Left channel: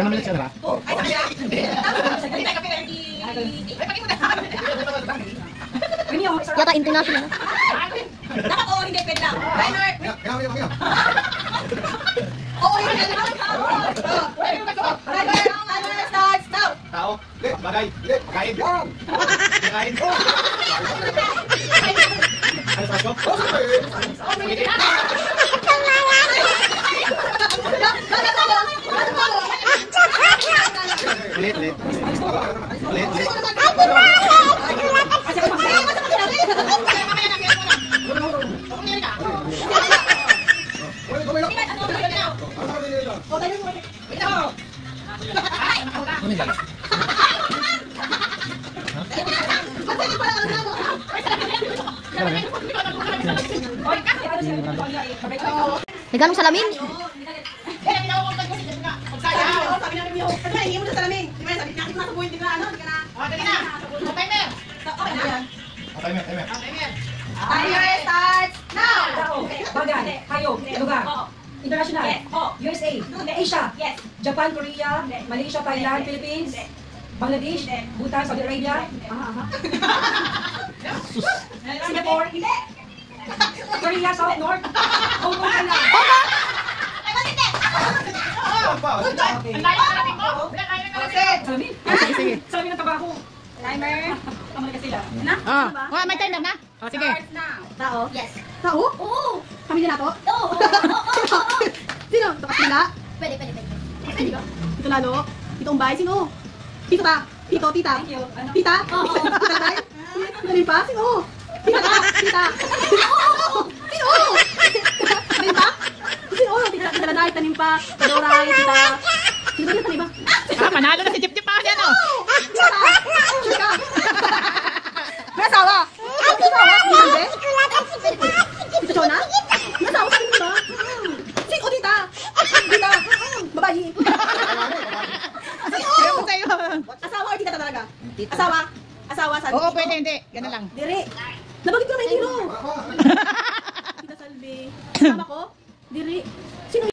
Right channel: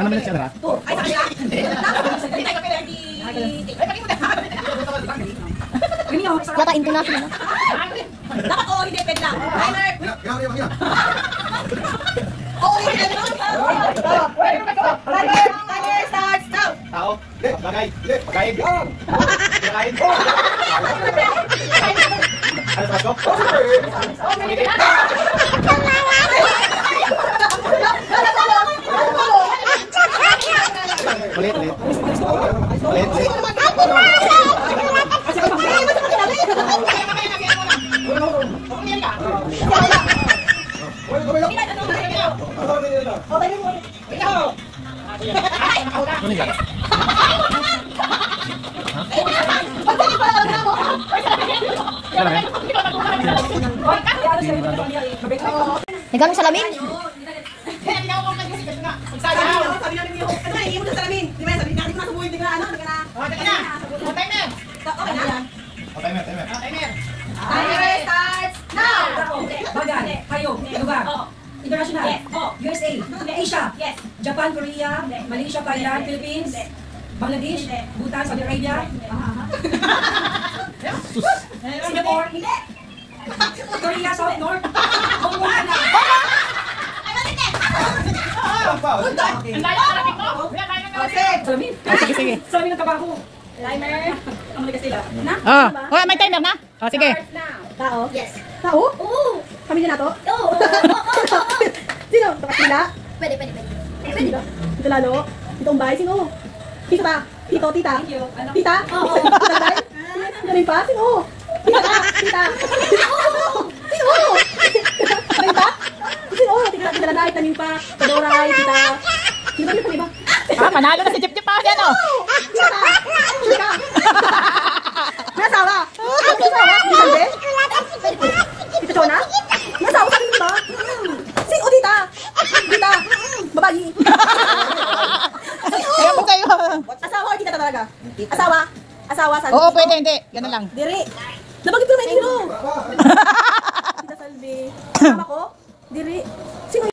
Ilang minutes ka na? Ay, sa kanila? Hindi ka pwede. Ay, pag-ibo na. Yata international. Dapat oo, hindi pwede lang. Timer! Oo, hindi pwede lang. Timer starts now. Tao. Bagay. Bagay. Bagay. Ano sa ko? Ulit. May ganong salamin? Sabi namin yung, ano na, iiwan sa salamin. Di ba, sabi natin masabuhin, di ba, ano, di ka na. O, di ka na. O, timer. Okay na yan. Timer. Timer starts now. Bagan, hayop, lugar. International, USA, Asia, Japan, Korea, Malaysia, Thailand, Philippines, Bangladesh, Bhutan, Saudi Arabia, Singapore, Korea, South, North, Hong Kong, Thailand. Salamin. Sige. Salamin ng kabaho. Timer. Ang mga sila. Na? Oh, may timer na? Oh, sige. Starts now. Tao? Yes. Tao? Oo. Kami na to? Oo. Sino? Kapatila? Pwede. Tito? Tito Lalo? Tito Umbay? Sino? Tito Ta? Tito? Tita? Thank you. Ano? Tita? Oo. Tita Lagay? Galing pa? Sino? Tita Ta? Tita? Sino? Galing pa? Sino? Tita Laday? Tanim pa? Tadoray? Tita? Sino ba yung tanim ba? Manalo na si Chip pa dyan, oh. May asawa? May asawa? May salde? Tita Chona? May asawa ka rin ba? Sino? Tita? Tita? Babayi? Kaya mo sa'yo. Asawa or tita talaga? Asawa? Asawa sa Oo, pwede, hindi. Ganun lang. Diri. Nabanggit ko naman yung Tita Salve. Kasama ko? Diri. Sino